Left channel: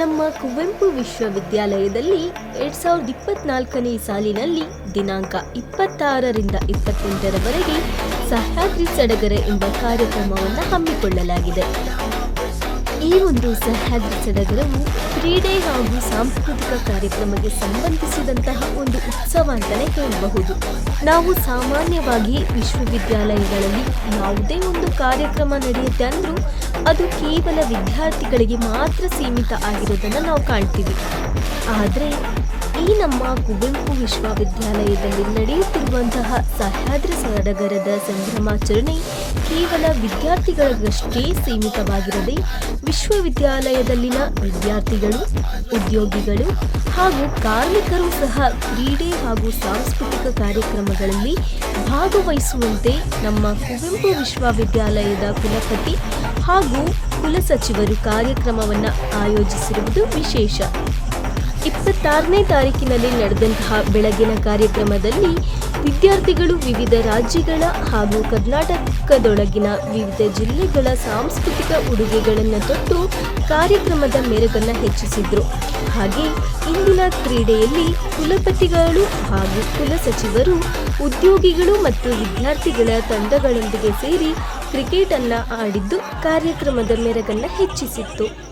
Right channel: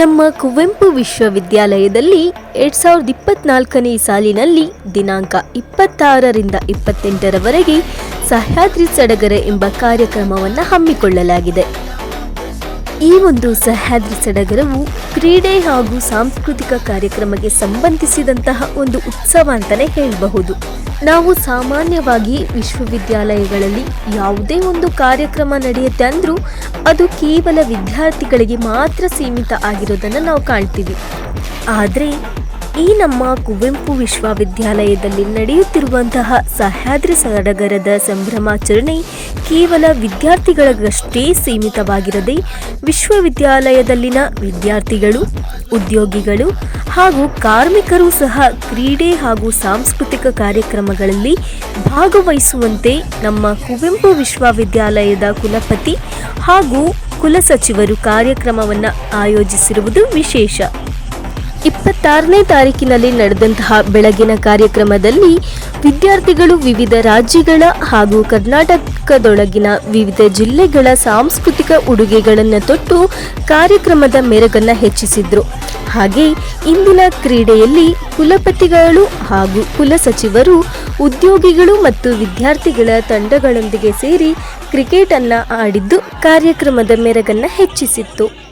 ನಮ್ಮ ಕುವೆಂಪು ವಿಶ್ವವಿದ್ಯಾಲಯದಲ್ಲಿ ಎರಡ್ ಸಾವಿರದ ಇಪ್ಪತ್ನಾಲ್ಕನೇ ಸಾಲಿನಲ್ಲಿ ದಿನಾಂಕ ಇಪ್ಪತ್ತಾರರಿಂದ ಇಪ್ಪತ್ತೆಂಟರವರೆಗೆ ಸಹ್ಯಾದ್ರಿ ಸಡಗರ ಎಂಬ ಕಾರ್ಯಕ್ರಮವನ್ನು ಹಮ್ಮಿಕೊಳ್ಳಲಾಗಿದೆ. ಈ ಒಂದು ಸಹ್ಯಾದ್ರಿ ಸಡಗರವು ಕ್ರೀಡೆ ಹಾಗೂ ಸಾಂಸ್ಕೃತಿಕ ಕಾರ್ಯಕ್ರಮಕ್ಕೆ ಸಂಬಂಧಿಸಿದಂತಹ ಒಂದು ಉತ್ಸವ ಅಂತಲೇ ಹೇಳಬಹುದು. ನಾವು ಸಾಮಾನ್ಯವಾಗಿ ವಿಶ್ವವಿದ್ಯಾಲಯಗಳಲ್ಲಿ ಯಾವುದೇ ಒಂದು ಕಾರ್ಯಕ್ರಮ ನಡೆಯುತ್ತೆ ಅಂದರೂ ಅದು ಕೇವಲ ವಿದ್ಯಾರ್ಥಿಗಳಿಗೆ ಮಾತ್ರ ಸೀಮಿತ ಆಗಿರೋದನ್ನು ನಾವು ಕಾಣ್ತೀವಿ. ಆದರೆ ಈ ನಮ್ಮ ಕುವೆಂಪು ವಿಶ್ವವಿದ್ಯಾಲಯದಲ್ಲಿ ನಡೆಯುತ್ತಿರುವಂತಹ ಸಹ್ಯಾದ್ರಿ ಸಡಗರದ ಸಂಭ್ರಮಾಚರಣೆ ಕೇವಲ ವಿದ್ಯಾರ್ಥಿಗಳಿಗಷ್ಟೇ ಸೀಮಿತವಾಗಿರದೆ ವಿಶ್ವವಿದ್ಯಾಲಯದಲ್ಲಿನ ವಿದ್ಯಾರ್ಥಿಗಳು, ಉದ್ಯೋಗಿಗಳು ಹಾಗೂ ಕಾರ್ಮಿಕರು ಸಹ ಕ್ರೀಡೆ ಹಾಗೂ ಸಾಂಸ್ಕೃತಿಕ ಕಾರ್ಯಕ್ರಮಗಳಲ್ಲಿ ಭಾಗವಹಿಸುವಂತೆ ನಮ್ಮ ಕುವೆಂಪು ವಿಶ್ವವಿದ್ಯಾಲಯದ ಕುಲಪತಿ ಹಾಗೂ ಕುಲಸಚಿವರು ಕಾರ್ಯಕ್ರಮವನ್ನು ಆಯೋಜಿಸಿರುವುದು ವಿಶೇಷ. ಇಪ್ಪತ್ತಾರನೇ ತಾರೀಕಿನಲ್ಲಿ ನಡೆದಂತಹ ಬೆಳಗಿನ ಕಾರ್ಯಕ್ರಮದಲ್ಲಿ ವಿದ್ಯಾರ್ಥಿಗಳು ವಿವಿಧ ರಾಜ್ಯಗಳ ಹಾಗೂ ಕರ್ನಾಟಕದೊಳಗಿನ ವಿವಿಧ ಜಿಲ್ಲೆಗಳ ಸಾಂಸ್ಕೃತಿಕ ಉಡುಗೆಗಳನ್ನು ತೊಟ್ಟು ಕಾರ್ಯಕ್ರಮದ ಮೆರುಗನ್ನು ಹೆಚ್ಚಿಸಿದ್ರು. ಹಾಗೆ ಇಂದಿನ ಕ್ರೀಡೆಯಲ್ಲಿ ಕುಲಪತಿಗಳು ಹಾಗೂ ಕುಲಸಚಿವರು ಉದ್ಯೋಗಿಗಳು ಮತ್ತು ವಿದ್ಯಾರ್ಥಿಗಳ ತಂಡಗಳೊಂದಿಗೆ ಸೇರಿ ಕ್ರಿಕೆಟ್ ಅನ್ನ ಆಡಿದ್ದು ಕಾರ್ಯಕ್ರಮದ ಮೆರಗನ್ನು ಹೆಚ್ಚಿಸಿತ್ತು.